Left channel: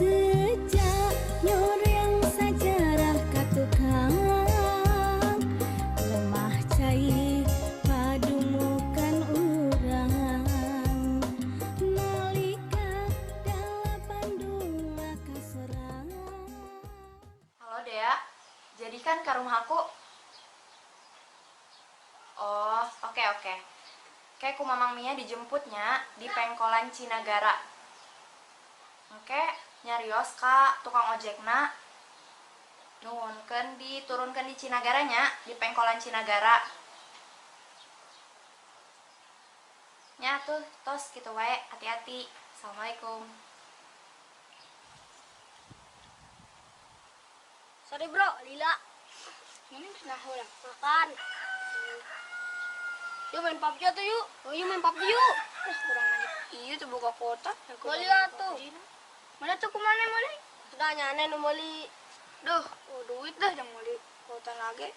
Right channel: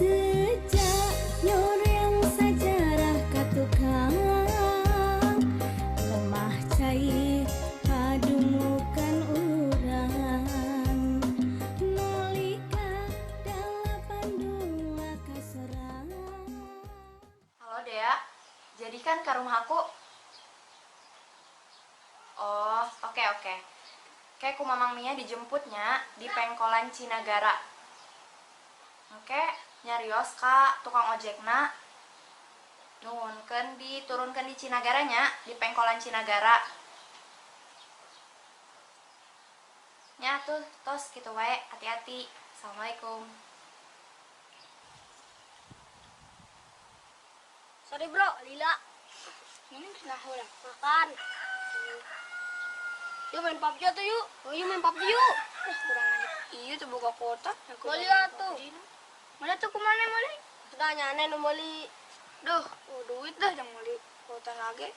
Sejak nyoreang sajarah katukang lemah cai padumukan urang nalika dalapan dua kaserang. Halo Dea, jadikan ke rumah aku. Oh, oke. Kayak ku Mamang Mia dijemputnya di Pengkolan Cinagara. Oke, nyarios ka tukang ojekna. Nuhunkeun diturunkeun di Cinagaranya, di Pengkolan Cinagara. Nya tuh, tos kitu wae, hati-hati. Assalamualaikum. Sorry bro, Lila. Ini kenapa udah makan? Yuk main PUBG tuh yuk. Oh yuk main PUBG yuk. Kurang aja. Iya tuh buka kota. Mali tuh. Mana tuh kemana Mali? Sudah nyane nu Mali. Duh, duit dah yang Mali. Kota lagi.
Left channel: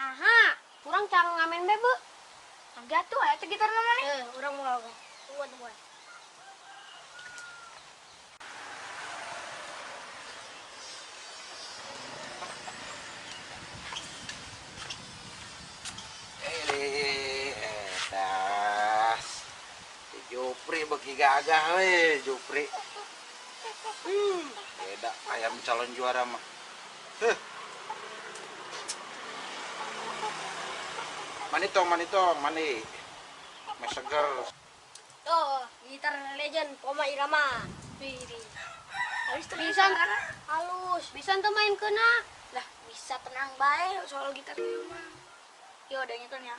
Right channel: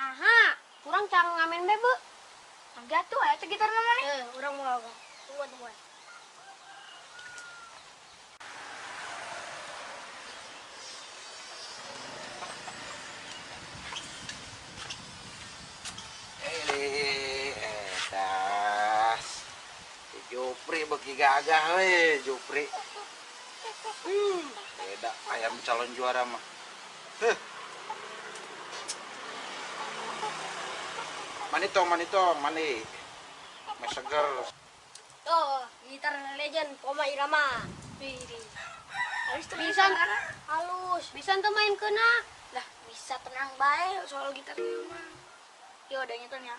Aha, kurang cara ngamen bebe. Enggak tuh, ayo gitar Mali. Orang mau apa? Tunggu. Jupri bagi gagah we Jupri. Beda ayam calon juara mah. Manitong, mani. Meseger. Tuh, gitar legend Poma Irama. Bisa halus. Bisa tuh main kena. Lah, bisa tenang baik soal gitar itu mah. Yo, udah nyetel ya.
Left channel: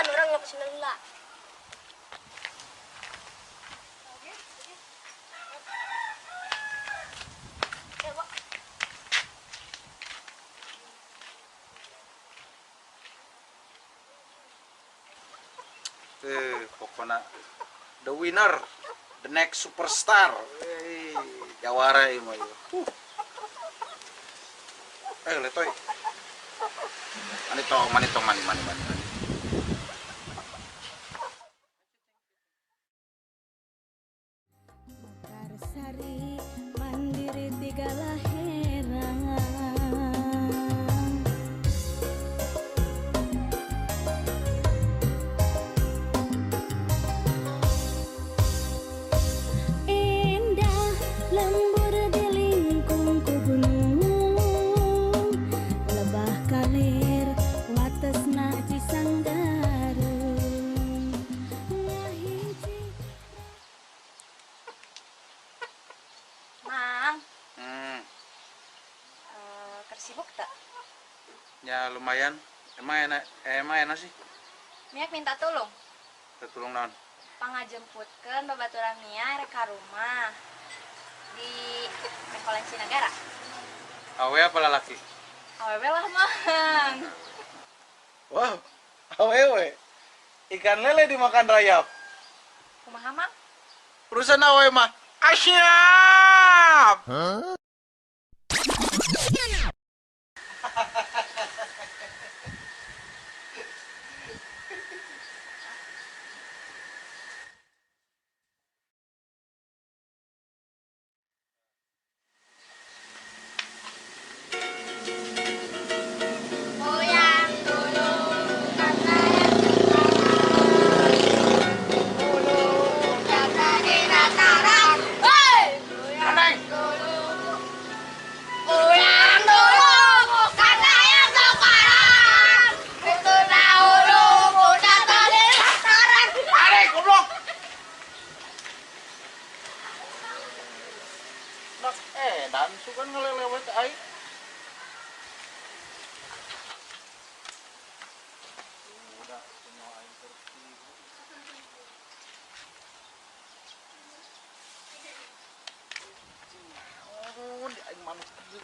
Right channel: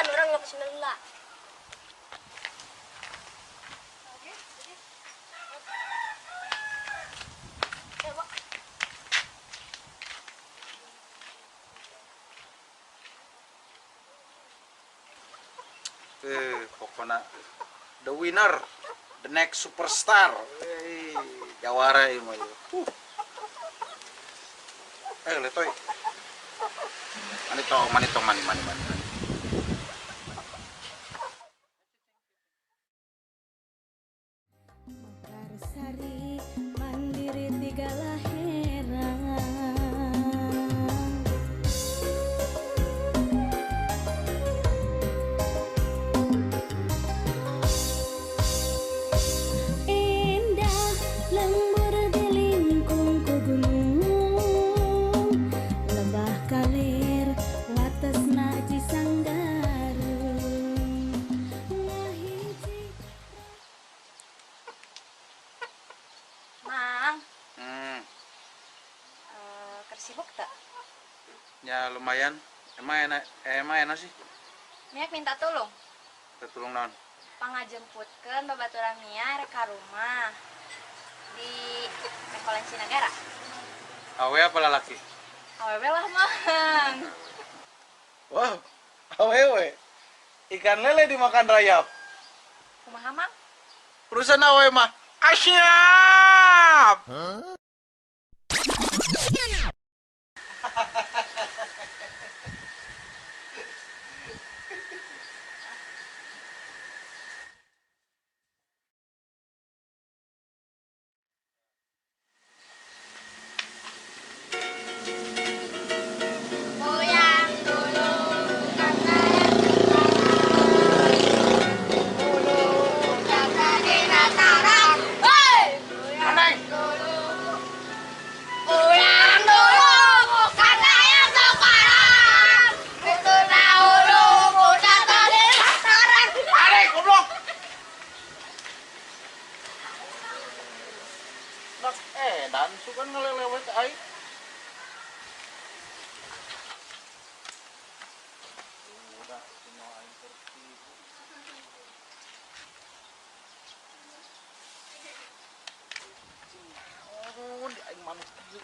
Orang nggak bisa ngelak. Pokoknya the winner, the next superstar. Jawara ini mah. Letoy. Manitong, mani. Mekarsari mandiri tiga laheran indah lembur di lingkung ku gunung lebah kalir watesna Cisanggarung ngahiji. Mang, tersibuk tak? Ya lumayan. Emang enak sih. Miak minta tolong. Tertulung naon? Pangajemputkeun babaturan Mia rek ka rumah di Pengkolan Cinagara. Awe apa lalaki? Awewe lah Mang. Wow, awewe. Ikan lele dimakan rayap. Kumaha Mang? Perusahaan awe mah asyap. Goyang dulu karena dulu karena di dataran. Hei! Aneh. Goyang dulu karena yang sekarang. Itu dahulu udah tadi dataran. Aneh, goblok. Dan suka ngelelewet air. Udah, semua air bersih. Oh, di aing manuk ieu.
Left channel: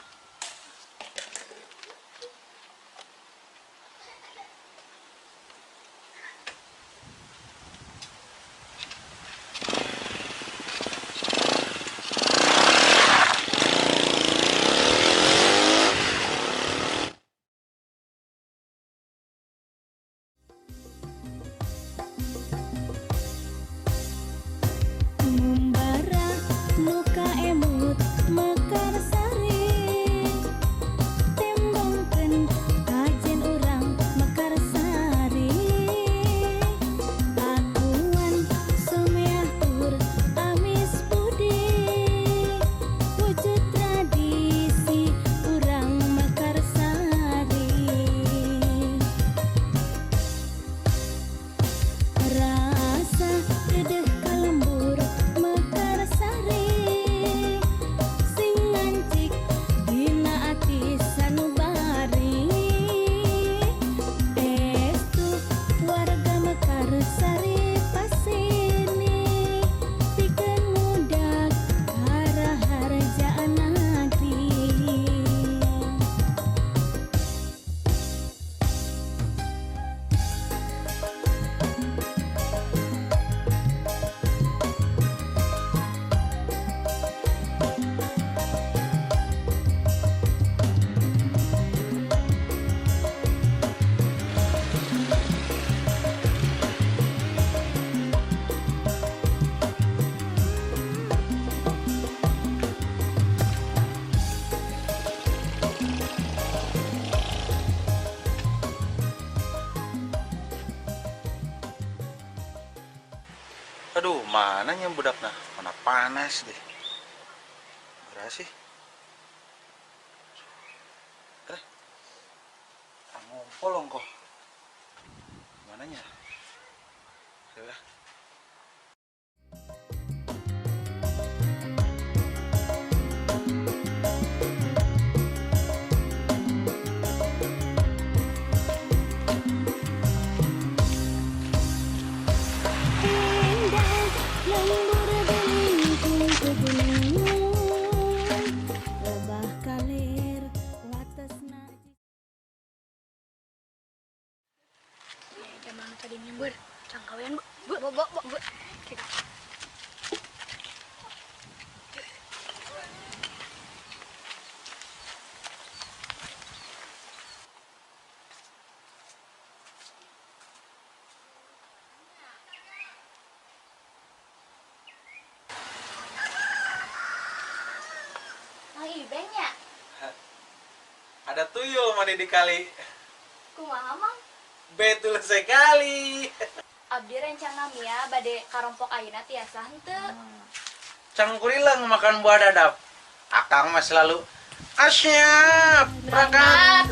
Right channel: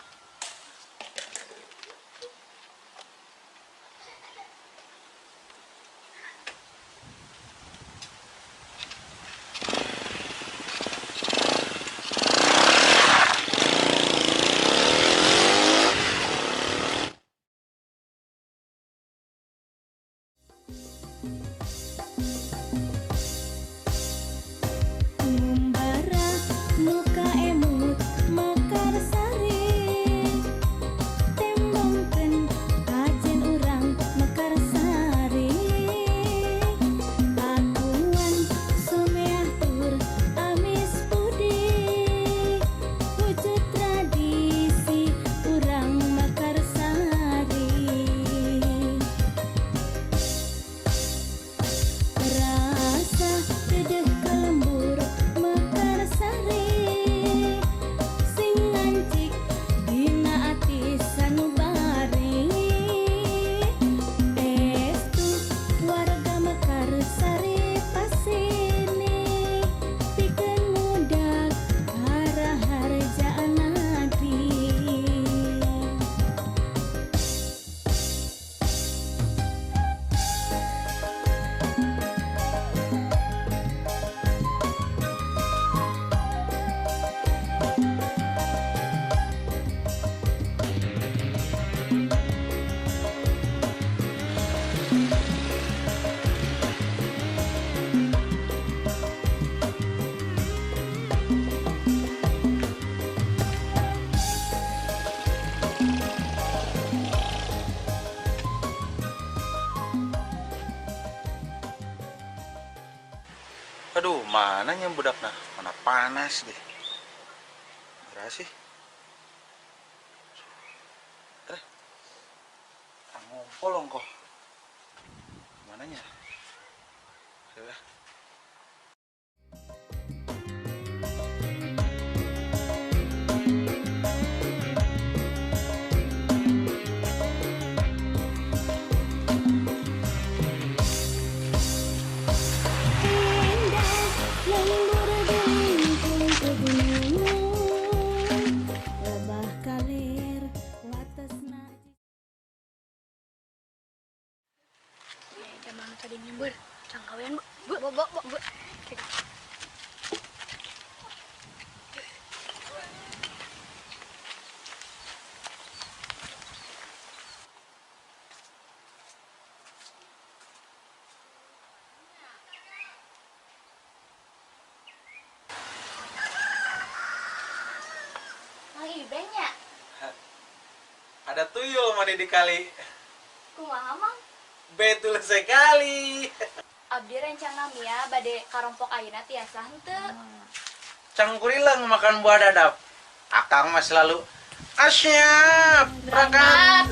Aduh, mananya budak nah? Mana panas deh. Berapa sih? Ngumpul kok. Mananya? Ya. Indah lembur dilingkung ke gunung, lebah kalir watasna. Emang tadi nyembur, cangkawean bu. Mang Ibeng ya? Ada tuyul mani di kali. Kumaha Mang? Betul sekali. Abdi rencana Mia bade karompok ayeuna tiasa henteu. Cangkurilang makan buah dadap. Akang mah selalu asyap, berangkat.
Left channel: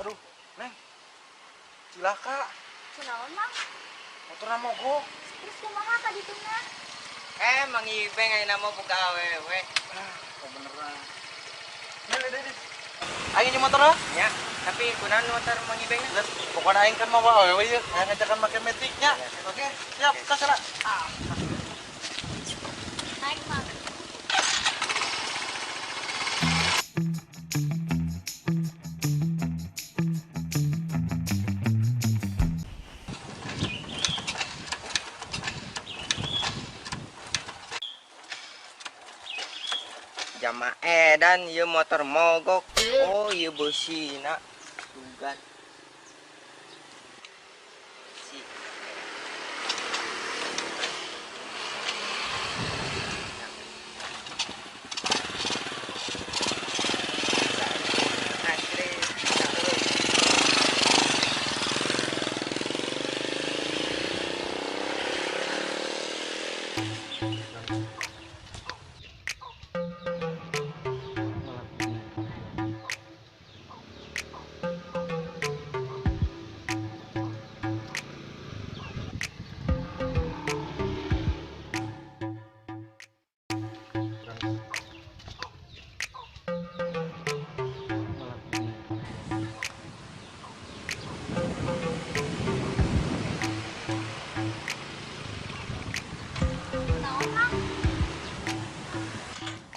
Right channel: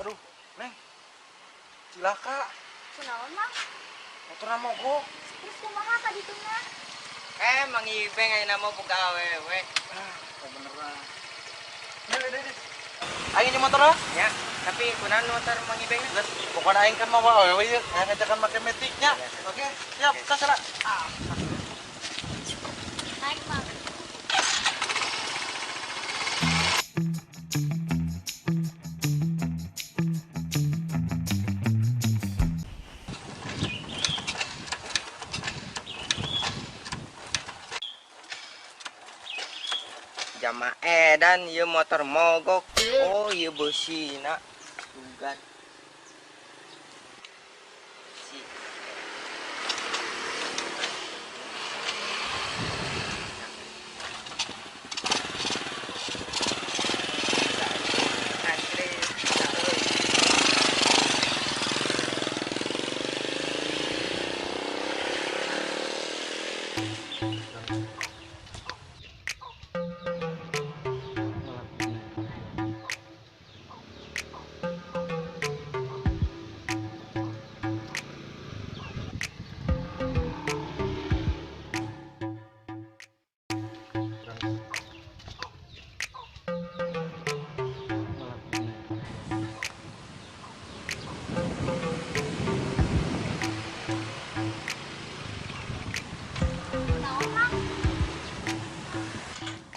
Aduh, Neng. Cilaka. Kunaon Mang? Motorna mogok. Terus kumaha tadi tuna? Mang Ibeng ayeuna mah buka awewe. Beneran. Deh. Aing di motor lah. Ya, tapi kunaon motor Mang Ibeng? Geus pokona aing kan mau awewe ieu, ngajakan make metiknya. Oke, siap, kasara. Naik Mang. Jama edan ieu motor mogok. Oh, ieu beusina. Tugas. Si.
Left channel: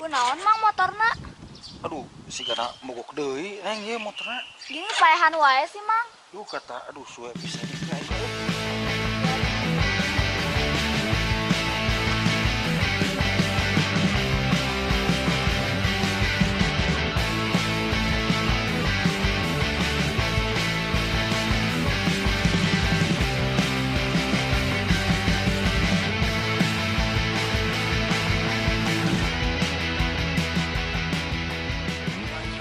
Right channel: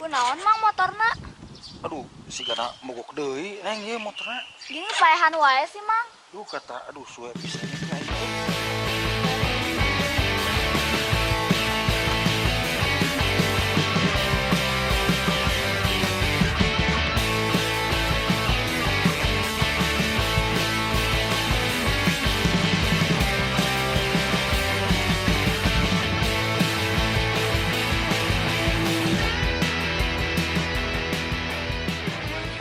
Kunaon Mang motorna? Aduh, si kana mogok deui neng ieu motorna. Gini paehan wae sih Mang. Duh kata aduh suwe bisa.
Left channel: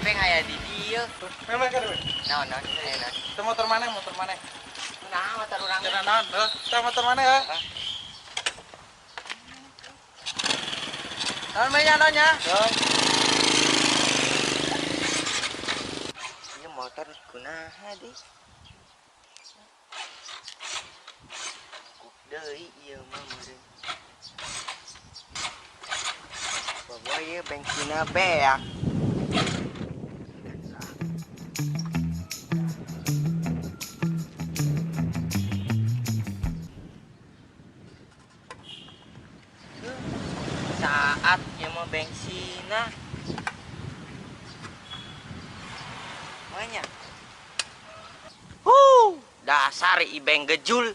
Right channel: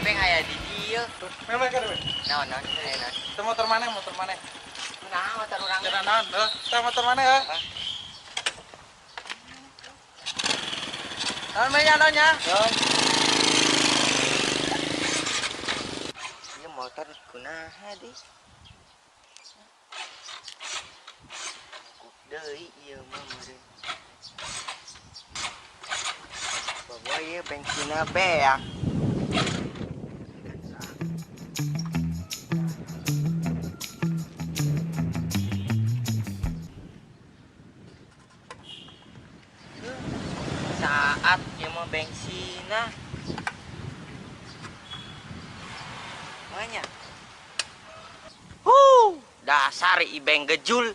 Ibeng aya di dieu. Memang kan. Naon ayeuna? Itu motor mana? Motor mana? Kunaon motor urang? Jalan naon? Itu motor mana ya? Naon menya naonnya? Ieu motor kunaha deui? Deui ieu mah meureun. Bahwa ieu bensinna beak. Saat ieu mah bensinna. Manya. Dasar Ibeng gejul.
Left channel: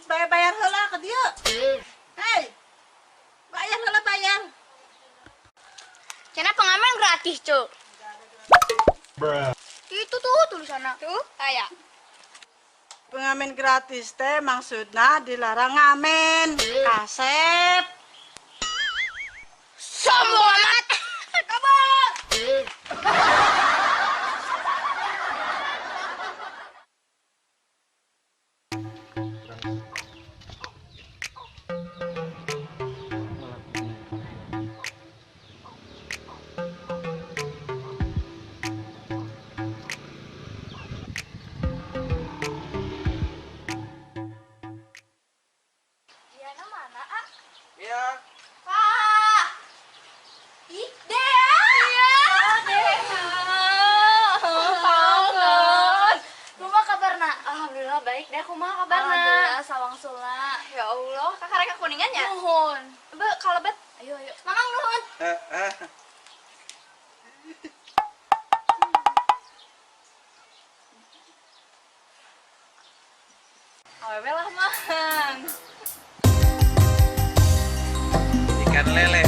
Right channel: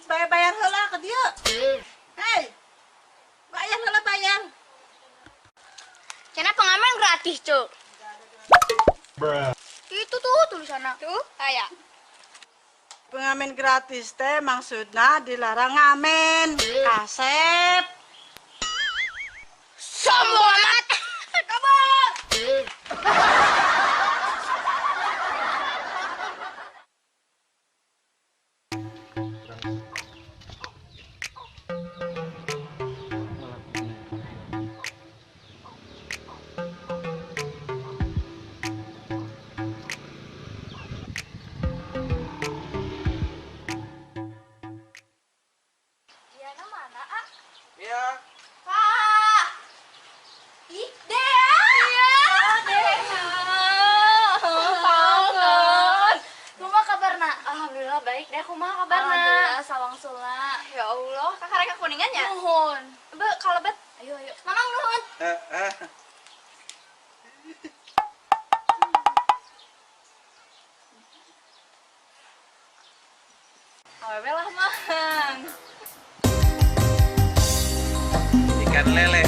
supaya bayar heula ke dia. Hei, bayar heula bayar. Karena pengamen gratis, Cuk. Itu tuh tulisannya. Tuh, kayak. Pengamen gratis teh maksudnya dilarang ngamen. Kasep. Sombong amat. Kabar. Diana mana, ah? Iya. Kak! Ih, Dea! Iya! Dea! Kangen! Kumaha kabarna? Alhamdulillah baik deh, kumaha kabarna? Alhamdulillah, sawang sula. Ya Allah, kakak reka kuningan ya? Nuhun. Be, kalebet. Ayo, ayo. Mamang nuhun. Awewe lah, Mang. Ikan lele